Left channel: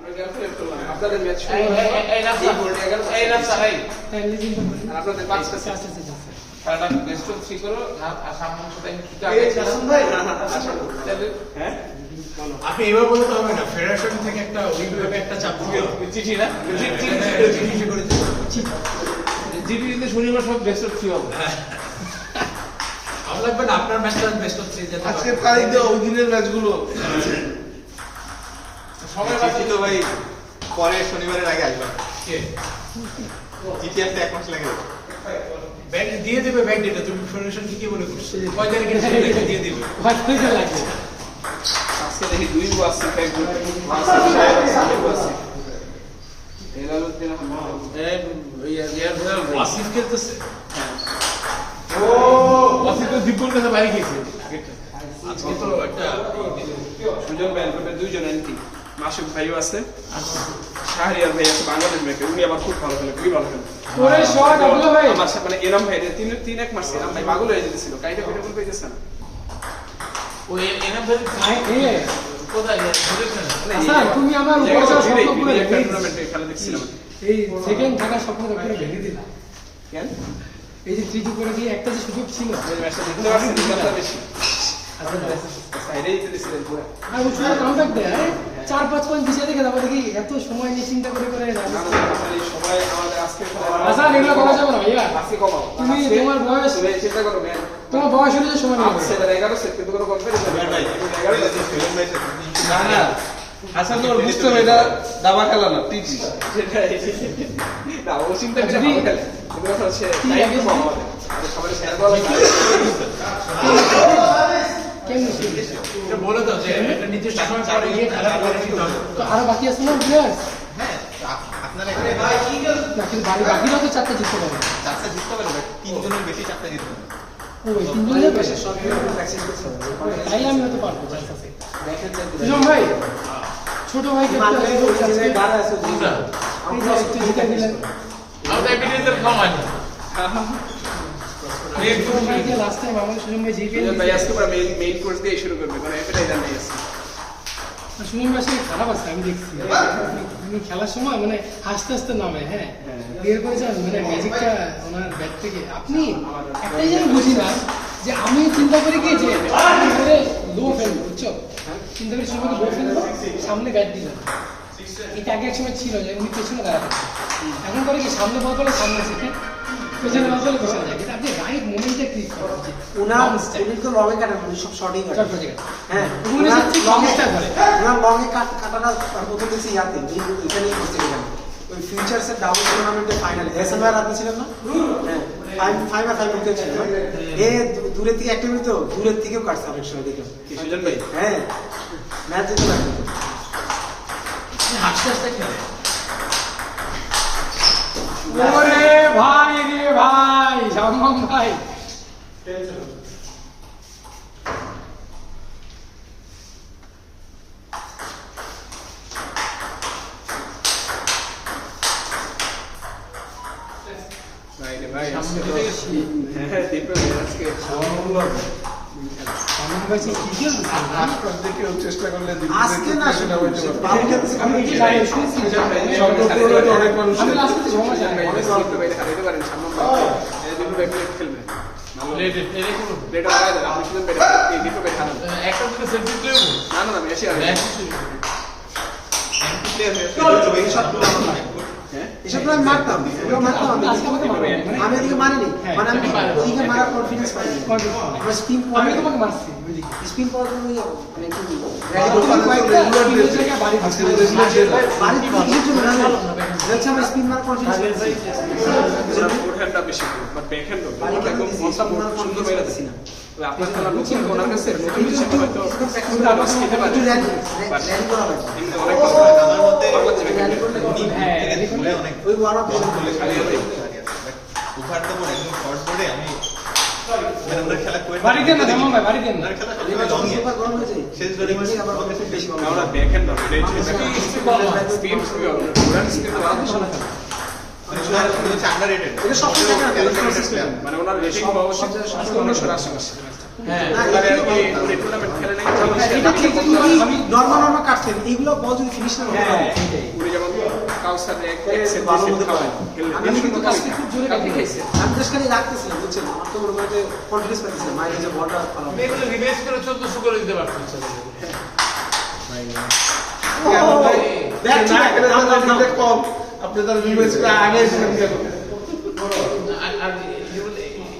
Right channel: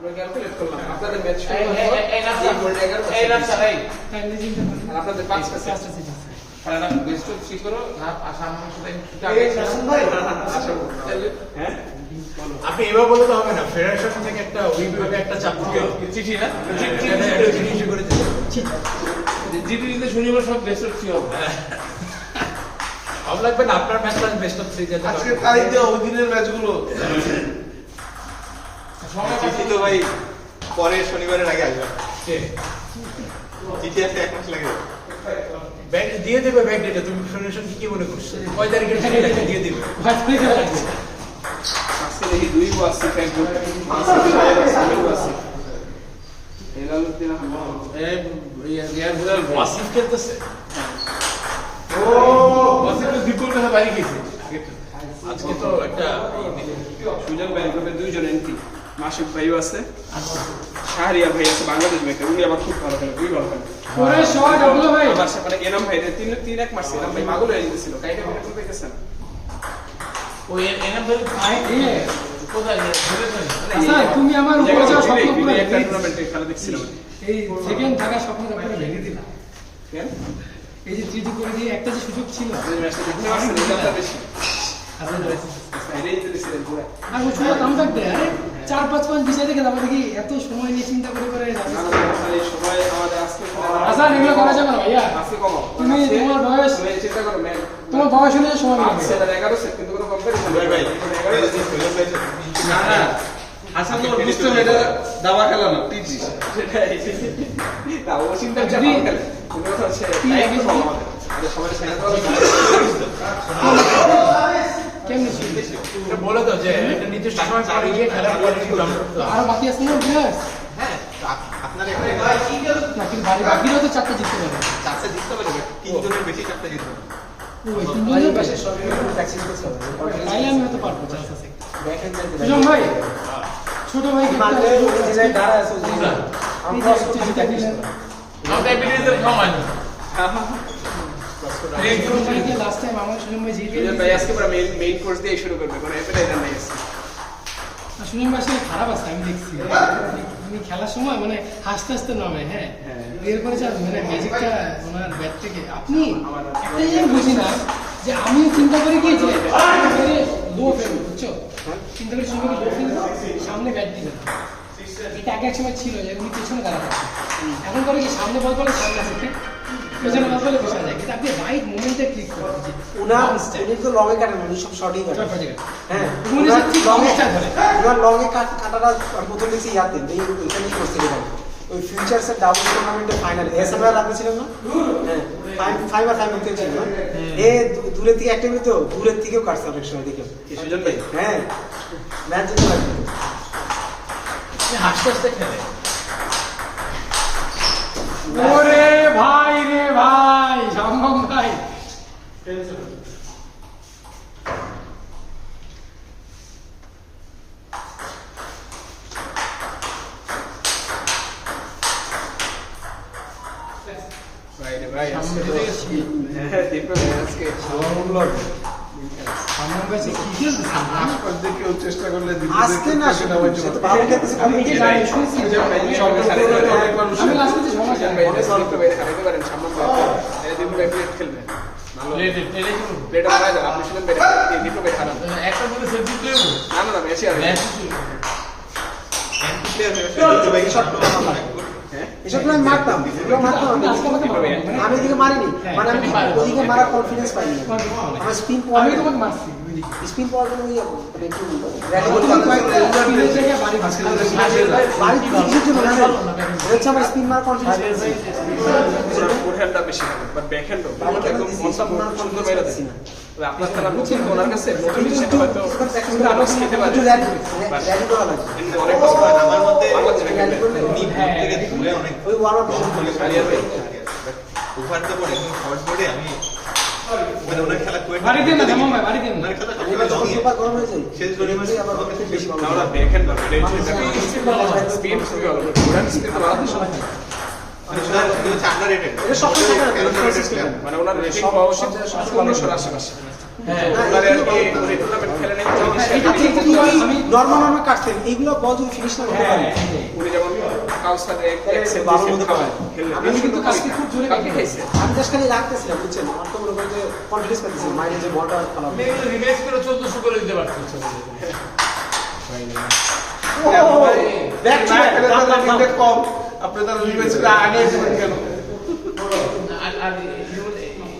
আমরা ক্যালকুলেট করলাম আপনাদের ম্যাচ শুরু এই নাফসা এই আপনাদের 5টা সেট আছে কারণ আপনি বেস্ট অফ 3 করো না আশা আমার সাথে এই হাসান ভাই আশা করব হ্যাঁ আপনি এবার বলতে তো হবে না ফেডারেশন থেকে একটা ওইভাবে একটা চাপ দিতে চিঠি না চিঠি করে দিতে জিবি দিতে শনিবার সব বেস্ট অফ 3 হবে ভালো লাগবে না আপনার ম্যাচটা বেস্ট অফ 3 যেতে আজকে তারিখে ওই দিনের ম্যাচগুলো সময় চিঠি তো ভাই পরে শনিবারের আগে আসবে কে চিঠি আসতে 1 মাস লাগে ব্যাংক দিয়ে দেবে ব্যাংক ডেটা তুমি ফেডারেশন কি মনে করছো কয় তারিখে সেটা দিয়ে দিবে আজকে দেখি 2 ও আছে ফেসবুক মাসে আছে এইভাবে দিন ওয়াসিফ খেলতেছে ও ওয়াসিফ তো বিপুল কথা বাড়ি গেছে আজকে তো একটা সুজন ব্যাংকের দুইজন এন্ট্রি মাসুদ ভাইও আছে শাহরিয়ার ভাই আছে বাংলাদেশ ব্যাংকের উনি আবার খুব ভালো খেলে খুবই ভালো খেলে ওরে শট হলো ভাই আমার সাথে মানে এরম ভাই তিন এক মাস এরম ভাই পাগল হয়ে যেতেছিল কাইটা ভিডিও কল পেয়েছে না ওই এনা ধরে এ কোথায় ঘুরে ফেলে আচ্ছা তুমি আমার উপর স্বপ্ন পুরো একটা টুর্নামেন্টে খেলা দেখছিলাম এই সেকেন্ড থাকা স্বপ্ন করে ভেঙে দিলা কেন এই যে তৃতীয় করে দিয়ে একটা যে সুযোগ ছিল এই ম্যাচটা দেখতে পাচ্ছেন দুটা বেশি সাইডেই যেতেছিলেন পুরো আর ওই সময় কন্ট্যাক্ট দেয় 4-5 পয়েন্ট পিছিয়ে দেখে তারপর দেখি এত সময় নিয়ে চিন্তা করে করে মানে সবাই আমাদের আজকে আচ্ছা এগুলো করা যাবে না ভাইয়া আজকে কমাও তুমি তোমার বয়স তুমি চিন্তা করো না তোমার বয়স হলে সময় লাগবে সেটা 11 সেট কিন্তু কোনো কনফারেন্স ভাই যদি ফেলে পাইছে না না হাসান তোমার বুঝতে হবে এটা দাবা খেলা না টিভি না ও চিন্তা করে ভালো খেলে তুমি কথা হচ্ছে টাইম কমাও সবাই শেয়ার করো কেমন ছিল এটা বলে দাও যে এটা নির্দিষ্ট সময় পরে গিয়ে খেলা তো আরো বাকি আছে না প্লেয়ার হ্যাঁ আপনারা না কিন্তু বাকিরা তো 4টা জিততে পারবে চারটা জিততে পারবে তিনজনের বেশি চারটা জিতবে ওই তিনজনের বেশি তাই আমি হয়তো পারবো চান্স আছে সুজন ভাই ছোট ভাইকে একটা দিলেন আমাদের এভিডেন্সের খামানি লাস্ট টাইম আমাদের সুজন ভাই জিতে সুজন ভাই আজকে পুরো মেইন কোর্স দিয়ে শুরু করবে কারণ অ্যাপেটাইজার নাই আছে সুজন ভাই আসলে খারাপ আছে আমি দেখছি আমি খেলার সময় মানে হাসতে হাসতে নামে হ্যাঁ এরপরে যা মানে ম্যাজিকটা ওনার ব্যাট থেকে আপনি একটাই জিনিস বুঝি না যে আমি চিন্তা করি কি যে লো ফেলবো বুঝছো চিন্তা করি সুজন লো ফেলবো সামনে ব্যাট দিলাম এটা আগে এক সময় ছিল যে উনি পেছনে দাঁড়াতে এখন করে কি সামনে বল করে সামনে থেকে পেছনে বল করে পেছনে যায় কিন্তু আপনি রাইট মোমেন্টে ক্লিক করতে উনি তো লং এ কাটেন উনি সব শর্টই কাটেন চট জায়গা হ্যাঁ উনি ঠিক লং এ স্টার্ট করে লং এ কাটাটা প্রথম দিয়েছি ইয়াতে এখানেই করতে গেলাম ওই ফিউচারসের ডাবল টুর্নামেন্টের ফাইনালে এসএমআর আপনি ছিলেন না হ্যাঁ 5 আর 5 মিনিটে ছিল এ দূরের থেকে একটা তো দূরের থেকেও কাটছে অনেক সময় দেখলাম কি সুজন ভাই হ্যাঁ ম্যাচ যেতে লাগবে হাসতে হাসতে খেলে ওরে ভাই রে ভাই সম্ভব ভাই ভাই রে ভাই আজকে তো হ্যাঁ দীপক ভাই আজকে আমার কাছে কি খেলছে আজকাল দেখে চেষ্টা করলে আজকে না আমি এই যে শুনছি সুজন ভাই অনেক মানুষ আমি লাস্টে জমা সুজন ভাই দীপক ভাই হারাইতে পারেন সামনে ভাই এই দীপক ভাই প্লেট খেলবেন প্লেটে প্লেটে করব প্লেট হারাই দেন আপনি সুজন ভাই দীপক ভাই হারান একটা দুটো সেট দিতে হবে না না না মেসি আর ম্যাচ এসব না মারতাম এগুলো মারতাম আজকে আমাকে আমি এদিকে মারিনি মানে আমি এদিকে মারার কনফিডেন্স পাইনি আমরা স্পিন আমি তোমাকে মারছি স্পিন পাওয়ার জন্য মানে একটু আমার স্পিন মারার কনফিডেন্স ফোরহ্যান্ডটা বেশি বাট ব্যাকহ্যান্ড একদম মনটা সুন্দর বাইরে দেখি না তবে আপনার খেলা নতুন ওনার কাছে নতুন হিসেবে হয়তো আলোচ খেতে পারে কিন্তু অনেক আমার মধ্যে বাংলাদেশ ব্যাকহ্যান্ড থেকে ধুলে অনেক ওই ওয়ার্ড ধুলে ছাড়িয়ে দেয় ওভার দ্য বোর্ড একদম শর্ট বোর্ডে আমি মানে ওনার খেলা করে বাড়ি দেন না জামান ভাই বাড়ি দেন না ওনার খেলা সবসময় লংয়ে গরম হয়ে যায় শেষ জোরে মাঝে লংয়ে থেকে বেশি আমরা ব্যাকহ্যান্ড না স্পিড খুবই ভালো ওরান স্পিড তো ভালো মানে ওনার হচ্ছে আন্ডাররেটেড এটা সব মানে ওনার রেটিং হওয়া উচিত 1500 আশেপাশে হ্যাঁ ওনারে আর কি উনি টুর্নামেন্ট খেলে নাই তো সে এটা ঠিক একটা কিন্তু বলতে আমি নরমাল কাটছেন এইগুলো বল যদি ফিনিশ না হতে পারে উনি যেমন কাউসারে এক সেট দুই সেট খাওয়ায় খেললে আমি কিন্তু কাজটি খুব জোরে কালকে খাইছে আমি জাস্ট খালি রাখতেছিলাম বুঝছেন অত মনে করেন যে কনফিডেন্স পাচ্ছিলাম মাইনে যে বলটা খেলা আপনি এগুলো রিভাইজ করে 1400 করে দিতে পারতেন ব্যাক না খেলে তাহলে ফিডব্যাক কম আপনি তাহলে রিভাইজ করে আগে এসেছেন কেন আর যেমন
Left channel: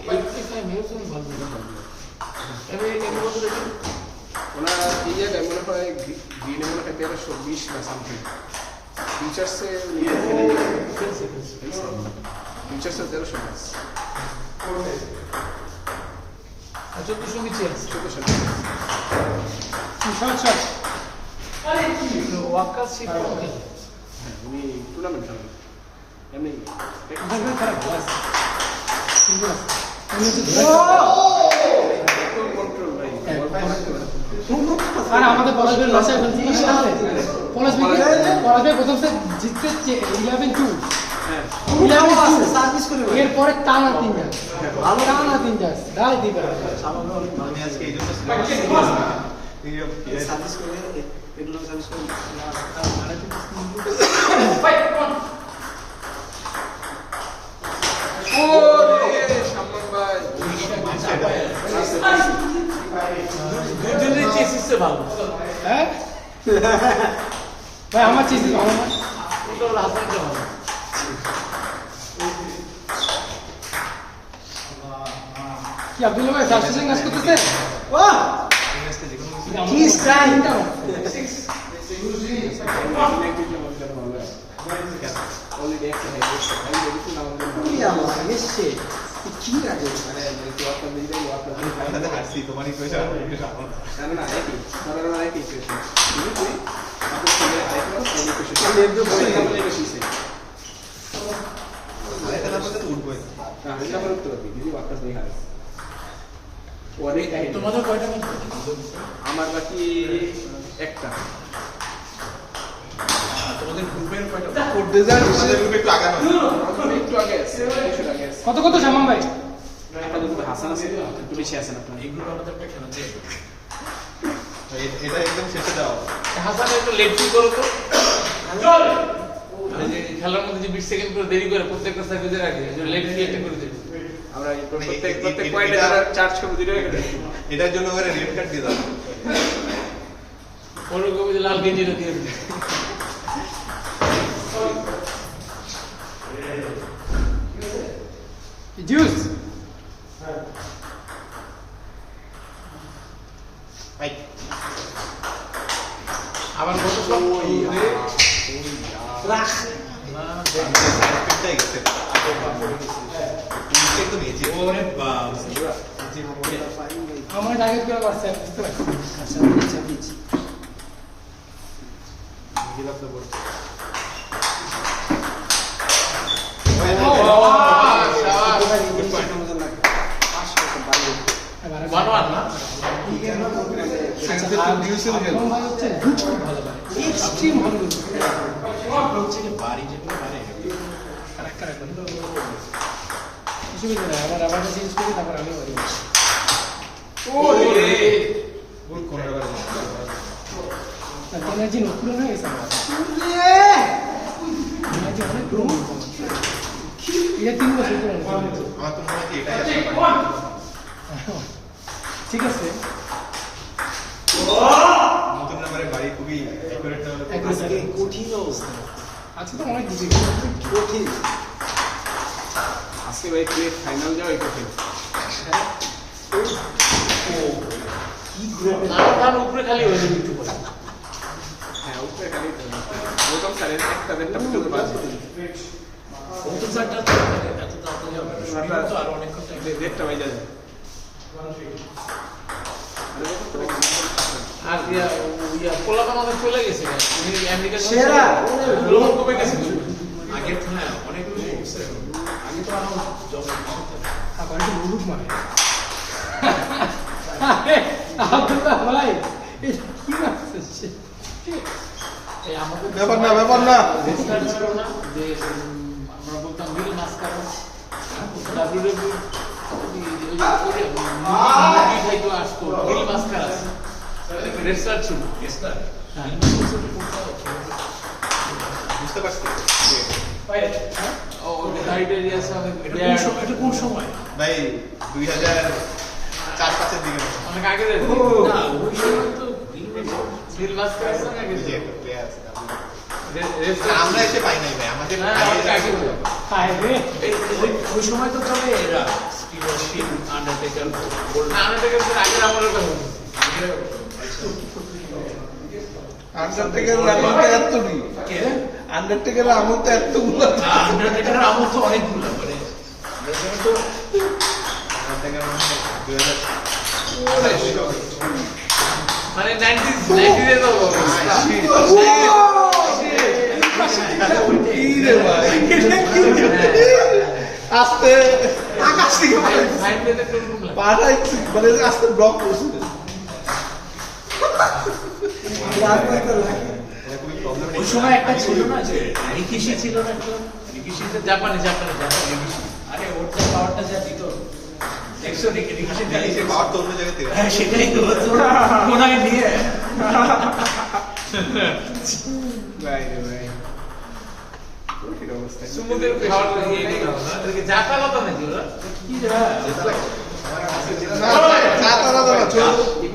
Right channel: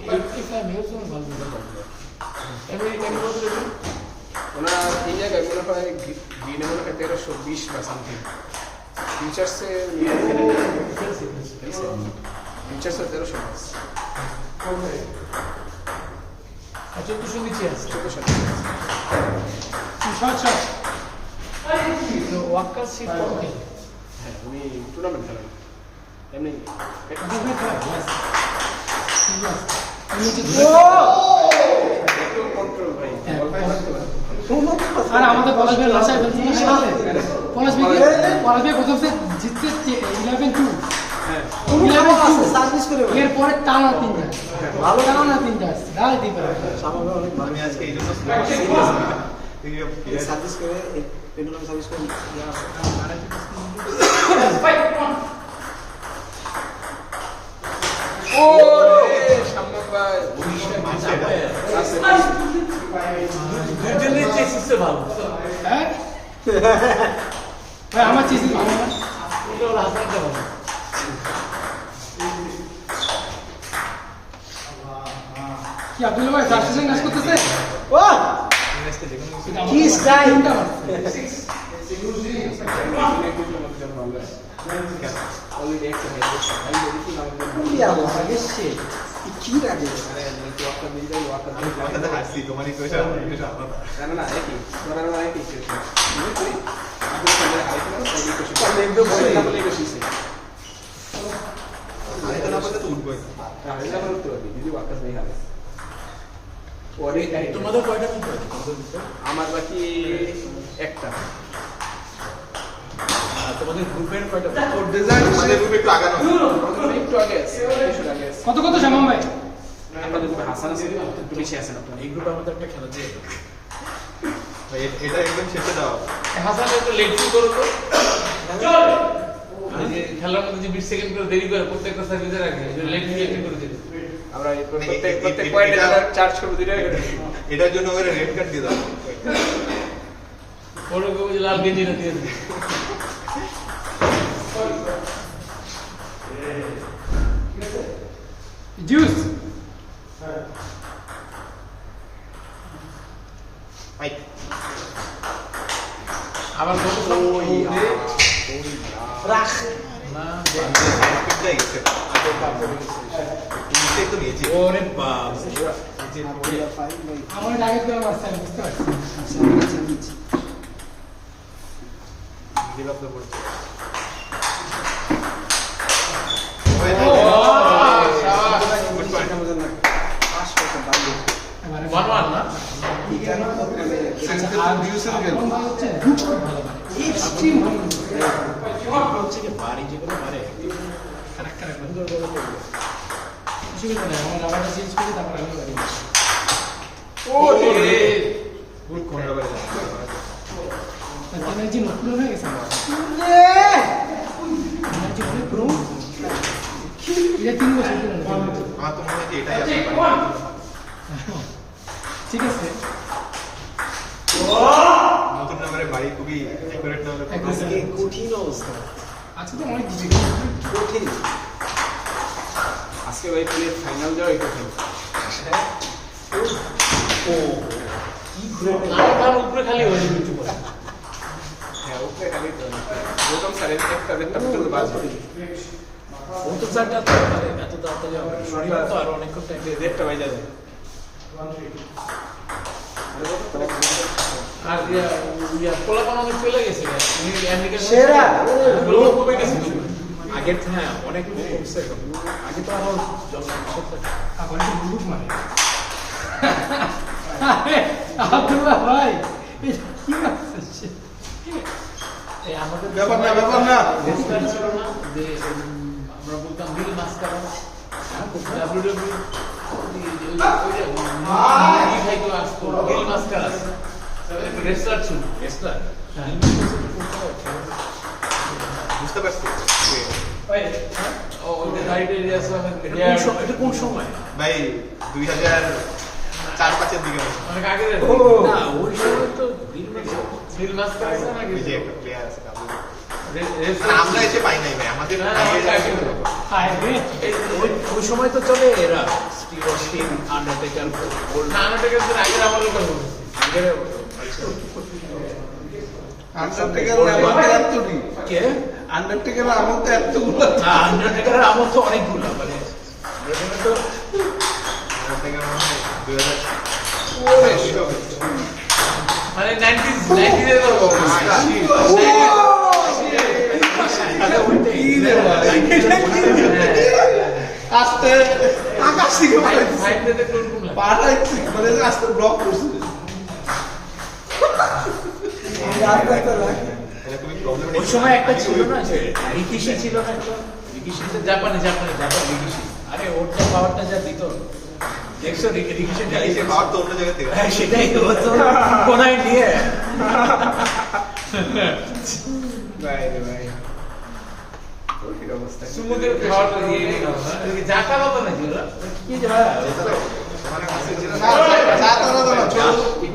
85 মিনিটস ভালো আমি বছর ওনার এই জায়গায় মনে হয় গ্রিনে মনে হয় 1320 বা সামথিং ফিউচার্সে ফিউচার্সে 1300 ম্যাচ আর 1400 নিচে আছে 1400 ওয়াক্কার সিট কম খেলে হ্যাঁ উনি টুর্নামেন্ট খেলেন এমনি একটু কন্ট্রোল ভাই বল পায় লাগতে পারে আর আমাদের পলাশবের লাসায় বলছি পলাশবের প্রথম সেট জিততে 11-2 হ্যাঁ 11-2 সার্ভিস করে এরপরে টানা 3 ম্যাচ ভালো টানা 3 ম্যাচ গালে দিয়ে পারে আমি আজকে এই জন্য সার্ভিস করে রেগুলার সার্ভিস করে ও সামনে ভাই দুইজনের চেসিসে ভালো হ্যাঁ ভাই আমার চিজ ভালো না ওটা হলো হাসানটা ভালো কি আব্দুল ভাই সাবস্টিটিউশন ম্যাচ করতেছে ও কি স্টাইল অলরেডি এক্সারসাইজ আমি দেখি না আমাদের কি আলো এসছে কি লাগে আরে একটু ওয়ার্কটা দিয়ে যাই ওয়ার্কটা আমি তোমার সাথে হাসছি তোমারই পয়সা না না একই ধরার মানে একই সিচুয়েশন তুই তুই সামনে আইতো এই কোশ্চেন আমি একদম বলে না বলে এটা শিখছি আরে না বলতে তো উঠবই হ্যাঁ এটা বলে তো দিদি ওয়ার্কটা দেই হাস ওরে তোমাদের কয়টা ম্যাচ আমার বাকি একটা তোমাদের গ্রুপের কয়টা আমাদের গ্রুপে একটু আগানো আমাদের একটু আগে আছে কিছু আগে আছে কত কত সামান ভাই আপনাদের গ্রুপে হাসান আছে একটু বেশি আছেন আপনারা এই গ্রুপে আমাদের একটা খেলা দিয়ে এটা একদম শেষে দাও হাসান একটু লেট ফিল করো তো এই যে খেলার মধ্যে যে 20 সেকেন্ড করে দেরি করে প্রত্যেকটা সার্ভিসের আগে লেট ফিল একটা করে দেবে আমরা এই প্রত্যেক পয়েন্টে চার্জ করব দিলে এটার জন্য ওরা রেড কার্ড দিয়ে দাও ওর কবে যে লাল গেঞ্জিটা দিয়ে দেবে জুস আই আবার কত সব রাখ না পিটাই গেছে তুমি একটু নিয়েছি ওরে বাপ আমার টার্গেট করে পারছে বুঝতে পারছি middle of the board good point এবারে 1-1 না আর ভিউসের গেল ভালো হচ্ছে খুব ভালো পারে এক্সট্রিম ভালো হচ্ছে যে বাড়ি যেগুলো পারে ক্যারেক্টার কিছু না আমরা রাবারটা চেঞ্জ করি তারপর আমি করি ওরে গুড কর্নার বারে তার এনার্জি নষ্ট হয়ে গেছে আমার এনার্জি অনেক পুরো এটা 3 বছর ধরে আমার তো মনে হয় এটাই আপনার বাড়ি ঠিক আছে নতুন নাম্বারে বাড়ি খুবই অ্যাকুরেট না হলে আজকে কঠিন অবস্থা আজকে তো অনেক ডিফিকাল্ট কঠিন আজকে ভাই প্লে ফাইনাল যাওয়াই কঠিন তার উপরে খালি হয়ে যাবে একটু পরে হ্যাঁ উপরে খালি তো প্রথম সারে একটা দেড়টা পর্যন্ত বাজে অন্তত চারটা তো এত তাড়াতাড়ি তো আর অনেক করতে দেড়টা বাজে যায় আর পোলাপান অনেক চলে গেছে আমেরিকা সেরা গ্লোবাল কমে গেছে আগের হ্যাঁ অনেক কমছে আগে তো আরো তারপরে তো বুলুক মানে আব্দুল্লাহ ভাই এটা কি আছে এই আমাদের ব্যাপার না রেস্টার্ট ছিল না যে আমরা বলতাম রিল মাস্কারা ডাব্লিউডব্লিউ বুঝতে পারছি এটা কোন সময়? ভাই 2004-05 দিকে মনে হয়। অনেক আগে না, ওই সময় তো দিল মাস কাছে নাকি ওই যে একটা প্লেয়ার আছে কাবুলি। রেস্টার আমরা এসে পাই নাই ভাই, আমাদের না, আগে অনেক আগে হলো। ওই সময় তো চলে এরা স্টিভ অস্টিন, আন্ডারটেকার, না আনাটাকের আগের আমলের কথা বলছি আন্ডারটেকার আমাদের এত নেই, কে? আন্ডারটেকার আমার তো এতগুলো আন্ডারটেকারের আমল তো অনেকগুলো মানে Undertaker তো থেকে মনে হয় 2000 মানে 90s এর কথা বলছি কি রে ভাই, আস্তে আকাশ থেকে ফাইভ পেতে কোন লাগে পাটা মানে আস্তে ব্লক করছে। এটা খুবই প্রবলেম। ওই সময় একটা ছিল না যে রিকিশি ছিল না একটা রিকিশি তো জাপানি রিকিশি আরে ওর যে পাওয়ারটা যা দিত দেখছো রিকিশি এই পাওয়ার তো অন্য জায়গা থেকে হ্যাঁ সেটাই তো তো কোনায় নিয়ে ভাই রে ভাই ওই অবস্থা সুমুদের খাওয়াটা ইয়ে নেই না এদিকে জাকালতা নাকি ওরা কি যায়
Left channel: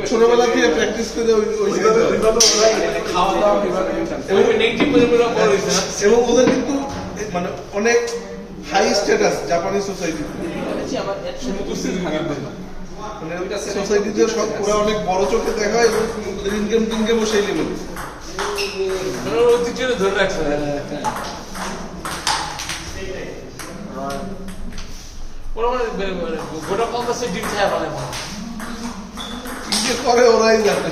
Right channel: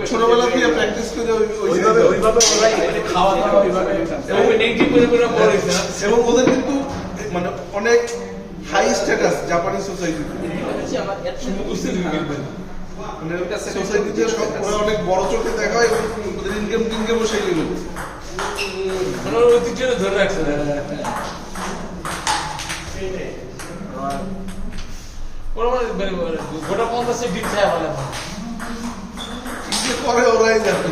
ছোটবেলা থেকে প্র্যাকটিস করে ওইভাবে ওরাই খাওয়া দাওয়া ওইভাবে এবং নেগেটিভ করে বড় হইছে না এবং ওদের কিন্তু মানে অনেক হাই স্ট্যাটাস জাপানি সোসাইটি, মানে সোসাইটিতে সব ওরা অনেক বড় চোখে দেখা হয় এবং ওদের ইনকামও সেই লেভেল। মানে ওর ঐতিহ্যটা ধরে রাখছে ওরা মানে গোটা 50 ডিম খায় বলে কি যে করে ওরাই জানে।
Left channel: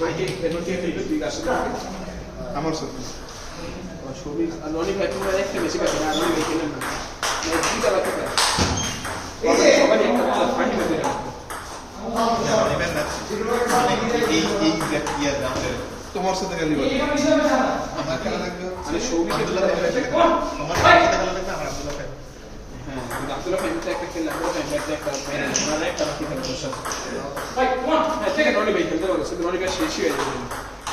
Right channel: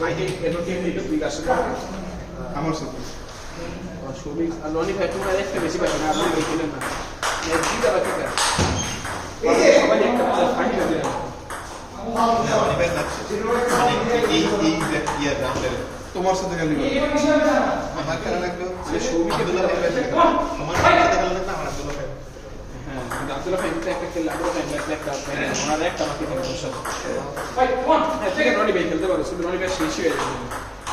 ভাই কেন কি এটা তুই আসলে আমার সাথে আমার ছবি আর লনি ভাই তোমরা একটা বেশি পাচ্ছ না আমি এখানে না এক দুইটা বাকি না সবাই একটা ফাইনাল হয়ে যাবে অনিমের ম্যাচ এই ইয়ার রাউন্ডের তোমার সাথে খালি বলো। আমার খেলা লাগবে মানে সৌভিককে আব্দুল্লাহ ভাই আমার খেলা লাগবে আমার আব্দুল্লাহ ভাই হ্যাঁ কিন্তু আব্দুল্লাহ ভাই কিন্তু একটা খেললে আমরা ম্যাচে একটা ওনাদের একটা বাকি থাকবে দর্শক হ্যাঁ ঠিক আছে রনি ভাই খেলতে পারো শুধু রনি ভাই শেষ হয়ে যাবে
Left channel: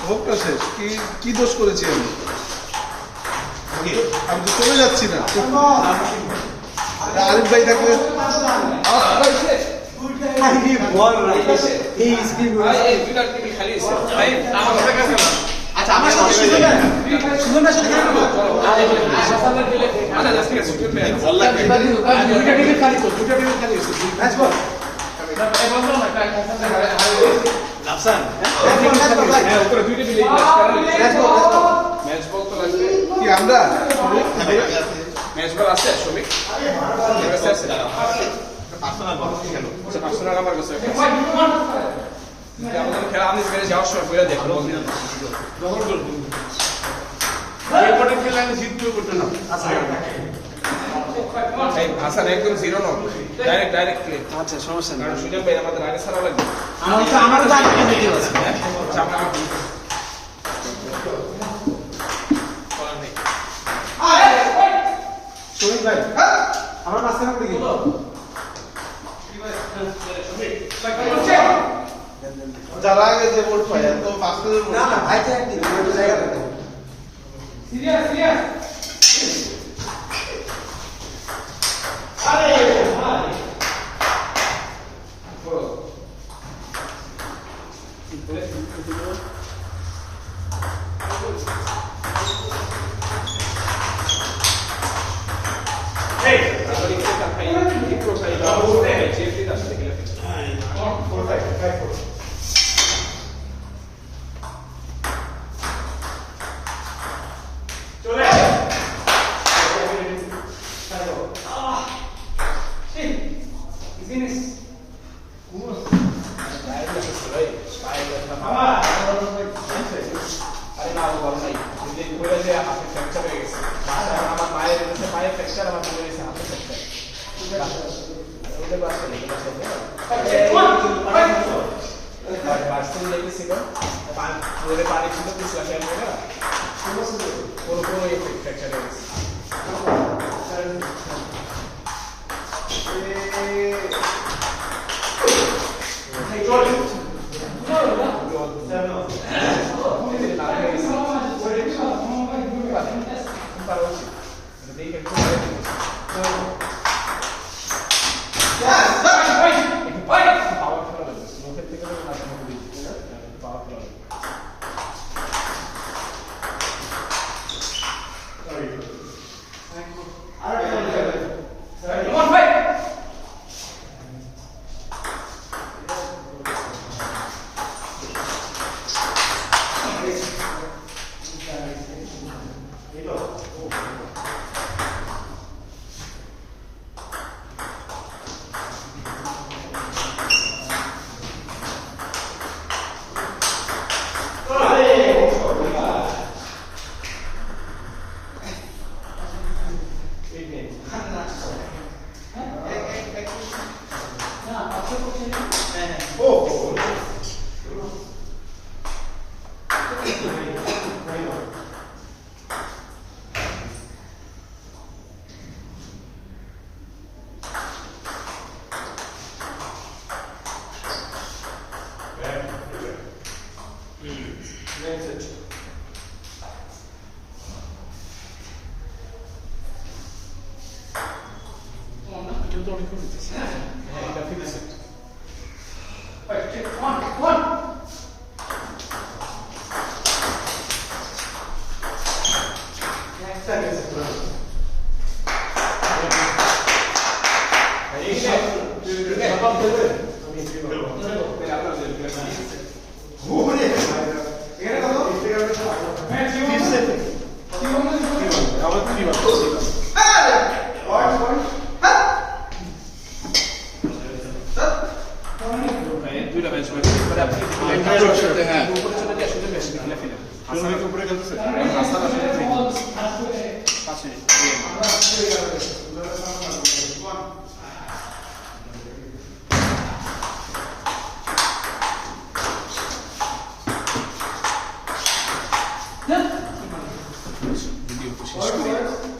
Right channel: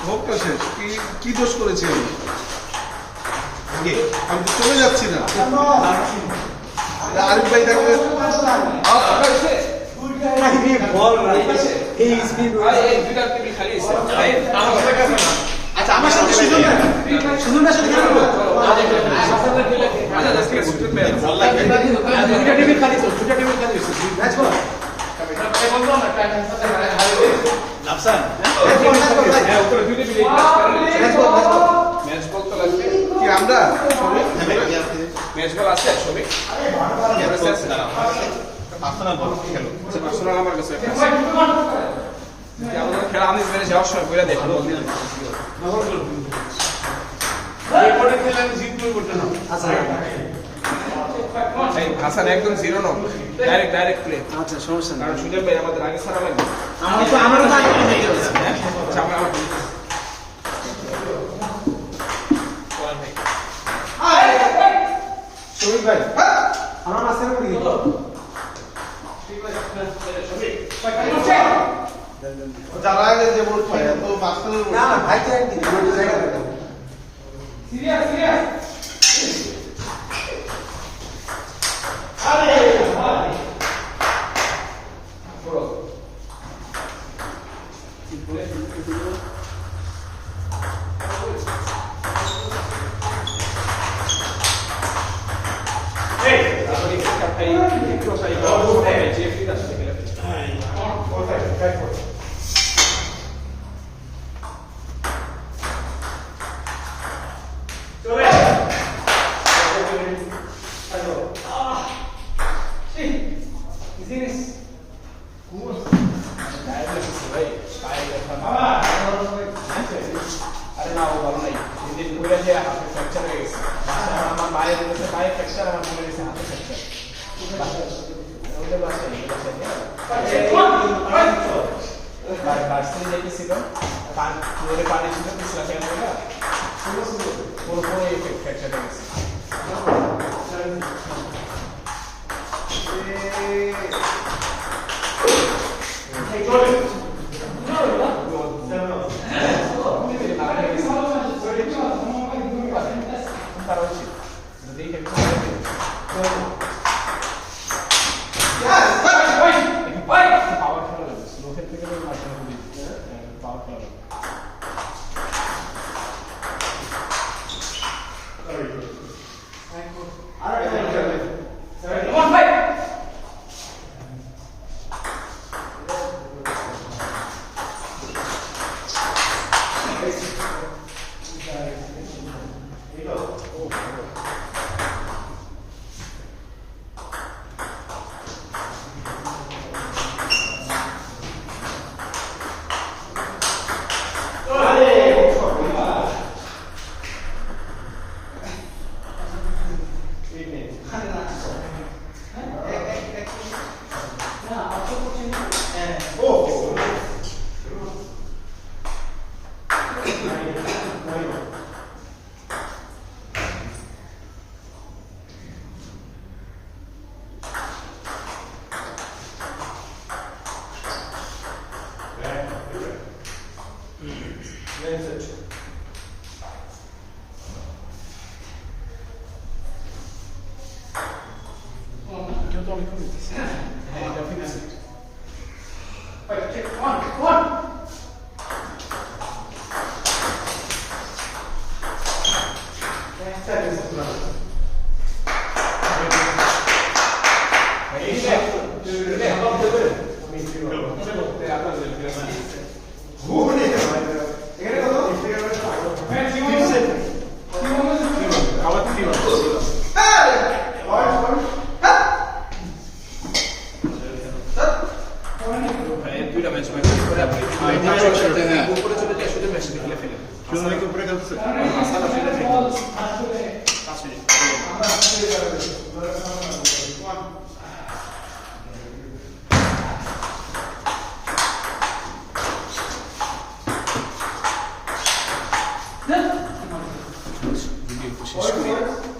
হোক তো শেষ, কি কি দোষ করেছি আমি? ওকে আমি তো চলে যাচ্ছি না। আরিফ ভাই থাকবে এই স্পিড এই ফিলার টিভি খালি আছে আমার সাথে কাছে না আচ্ছা আমার সাথে সুন্দর সাথে খেলা করবো সাফালে খেলে আচ্ছা জাস্ট সুন্দর প্লেয়ার বল লাগবে দুইটা টিমে খালি তো দুইটা টিমে খালি হয়েছে ম্যাচ বল এই বলতো না কাজ লাফসান উপরে দুইটা মিলে ম্যাচ বল ম্যাচ বল তো লাগবে কি আমরা ম্যাচ বল আছে ছবি পার্সোনাল বল খেলো আচ্ছা পার্সোনাল আমার কাছে আছে যে আমাদের খেলা আমি মেরে যাওয়ার সময় কইরা দেখো এরপরে খেলে জিততে করতে না এই হাসান একদম জিরো নো ডাইরেক্ট প্লে আচ্ছা সমস্যা নেই কারণ সুজন ভাই আমাদের আগে ছাড়া লাগবে আমার তো আগে দিতে হবে আচ্ছা আমার শরীফ ভাই আমরা মাঝখানে উঠে গেল যারা আগে যে বল পায় তো মাস্টারের না না ভাই তো একদিন দুটো জায়গা থাকে আরে না ও ভালো নাই যদি কইরা যে হাতে ফ্র্যাকচার হয়ে গেছে আমার পায়ের কাছে পায়ের ফ্র্যাকচার আমার মনে হয়েছে হাতে ফ্র্যাকচার ওদের বাসে বাসে যাইতেছিল রোডে পানি ছিল পিছলা খেয়াল করে না পুরো ফ্র্যাকচার হয়ে গেছে পারা উচিত দেখে একটু পাওয়ার খেলা লাগবে স্লো খেলতে গেলে আসলে খুবই পাওয়ার খেলা লাগবে দুইটা ম্যাচ করে আপনি উপরে চলে যায় শুধু ম্যাচ খেলে ফেলেন সুন্দর উপরে খেলতেছে হাসান আসলে ভিডিও শেষ করি